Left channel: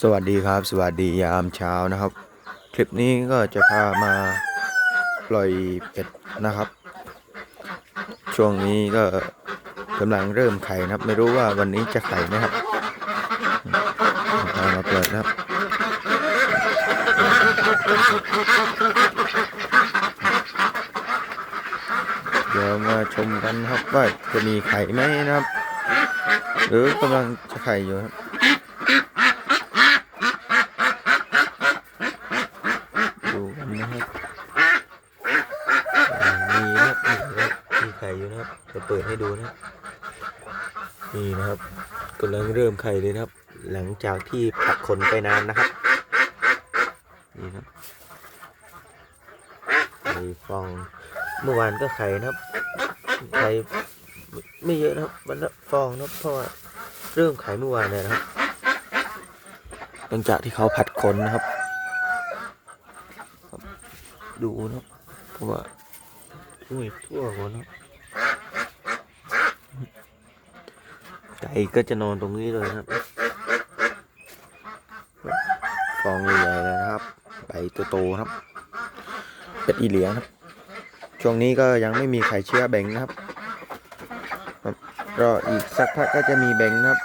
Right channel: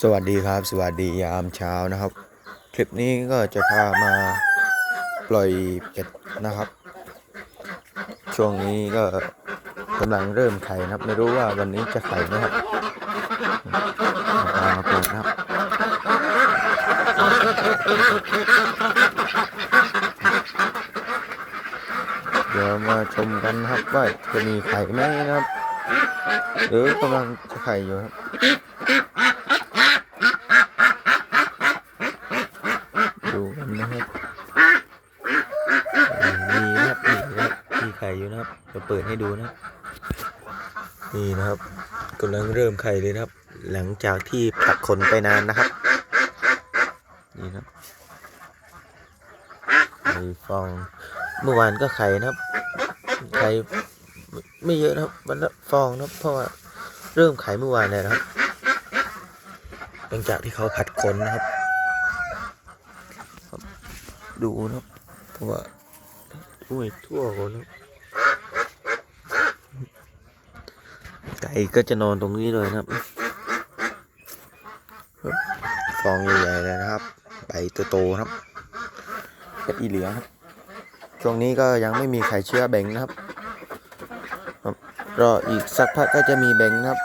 สวัสดีครับ สวัสดียามเช้านะครับ คลิปนี้ก็จะพามาปล่อยเป็ดนะครับ ช่วงนี้ก็กำลังเริ่มไข่นะครับ ไม่รู้ว่าวันนี้จะไข่ไหมครับเอามาปล่อยนะครับเดี๋ยวมาชมกันครับว่าจะมีไข่ไหมนะครับ หรือกำลังจะไข่อยู่ครับ นนะครับอ่ามีนะครับนี่นะครับมีไข่อยู่นะครับจะเปิดให้ดูนะนี่นะครับกำลังเริ่มไข่เลยนะครับ หลังจากที่ผัดขนไปนานนะครับ นี่นะครับไข่ฟองเมื่อวานก็ไข่นะครับ ไข่ไม่เยอะนะครับวันละฟองนะเพราะว่าเริ่มไข่เมื่อวานเลยนะครับหลังจากที่เขาผัดขนนะครับ ดูนะเพราะว่าอุ้ยทั่วหมดนะไก่ก็จะนอนตรงนี้เลยนะครับฟองใหญ่ๆเลยนะครับใบโตๆครับ เป็ดอีเหลียงครับ ช่วงนี้ก็ยังไม่มีไข่เชื้อแบงครับครับรออีกสักพักก็จะมีแบ่งนะครับ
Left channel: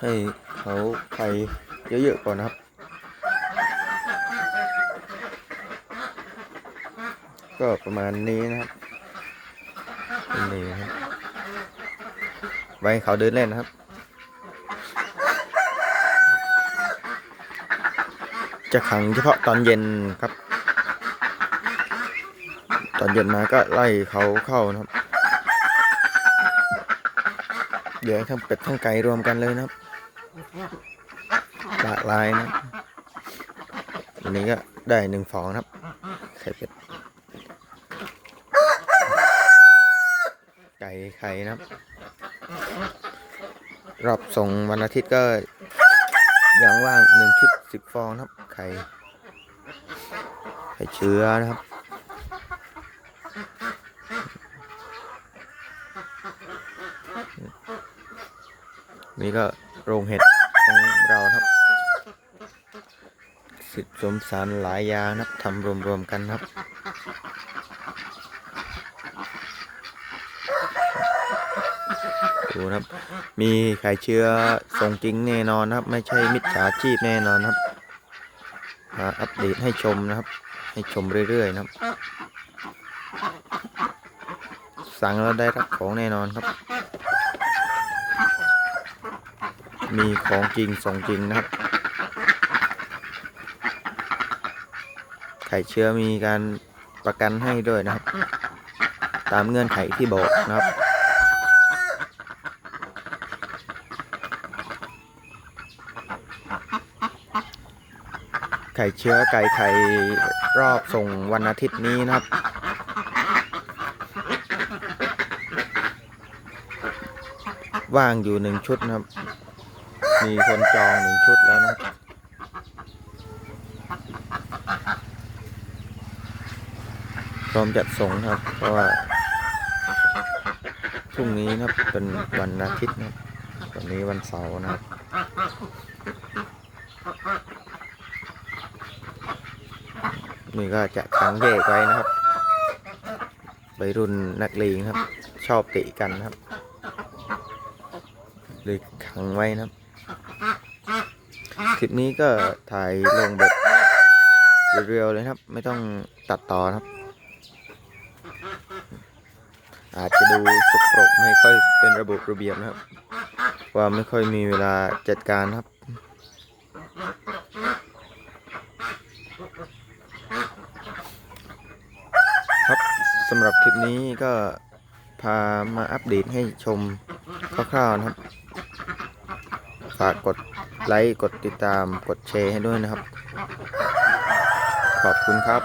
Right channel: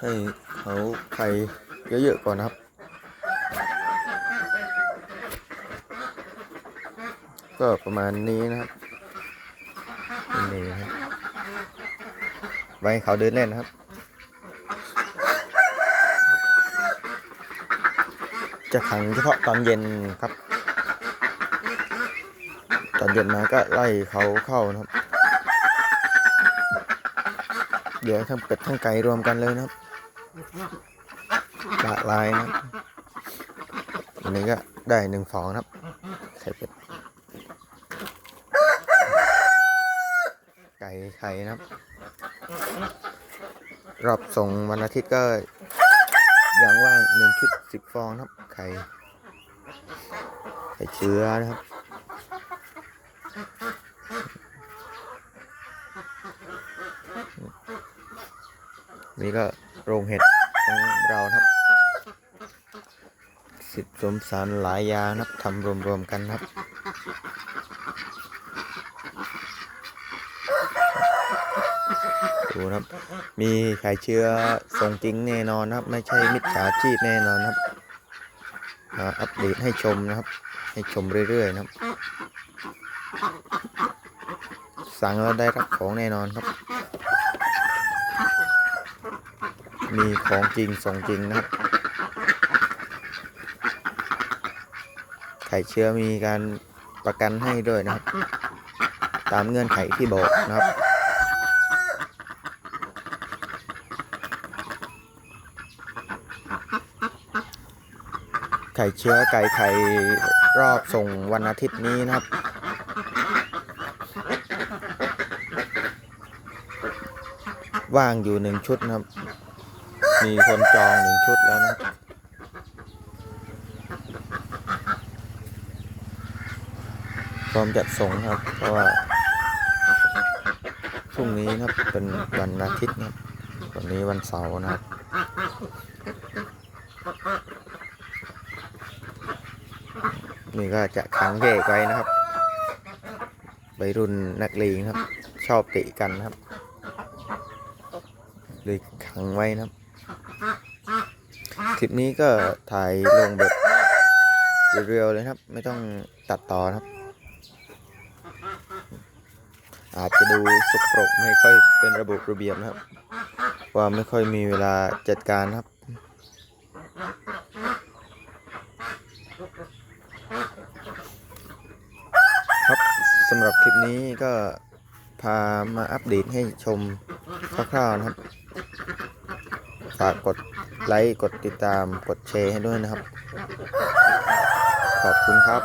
ให้เขาไข่เยอะๆก่อนนะครับ ก็ประมาณนี้นะครับนี่ครับไว้ให้เขาเดินเล่นนะครับ จะขังเฉพาะตอนเย็นครับ ตอนเย็นมาก็ไล่เขาเข้านะครับ เดี๋ยวทั้งเป็ดทั้งไก่รวมกันเลยนะครับหลากหลายนะครับวันนี้ก็ได้หนึ่งฟองครับไข่เป็ด ไก่ไข่นะครับ รอบส่งวันอาทิตย์ก็ยังว่างหนึ่งชุดสิบฟองนะครับ ไข่ไข่เชื้อนะครับ นี่ก็โรงเห็ดของเราครับ สิทธิสมสารหลายอยางนะครับทำรวมๆกันนะครับ ดูนะครับ มีไข่เชื้อส่งจริงแน่นอนนะครับ ไม่ใช่มิจฉาชีพแน่นอนครับมาอัปเดตให้ชมนะครับ ให้ชมเรื่อยๆนะครับ สั่งแล้วได้รับของแน่นอนครับ มีของจริงส่งจริงนะครับไข่เชื้อมีการประกันให้ด้วยนะครับ ตามเงื่อนไขที่บอกนะครับ ไข่เชื้อไก่ไข่รอบส่งวันอาทิตย์นี้นะครับ ว่างอยู่หนึ่งชุดนะครับ มีคนจองหนึ่งชุดแล้วนะครับพร้อมจัดส่งครับ เพราะว่าพรุ่งนี้นะครับเป็นวันอาทิตย์นะครับวันนี้วันเสาร์นะครับ นี่ก็จะขังแยกไว้นะครับวัยรุ่นนักเลงครับ ชอบเตะกันนะครับเลยขังไว้นะครับ คลิปนี้ก็ถ่ายลงแบบเรียวๆเลยครับ ไม่ต้องตัดต่อครับ อาจจะดูสกปรกไม่ค่อยเป็นระบบระเบียบนะครับ ว่าไม่ค่อยมีเวลาจัดการครับ สำหรับคลิปนี้ก็พามาอัปเดตให้ชมคร่าวๆนะครับ ฝากกดไลค์ กดติดตาม กดแชร์ให้ด้วยนะครับ ขอบคุณครับ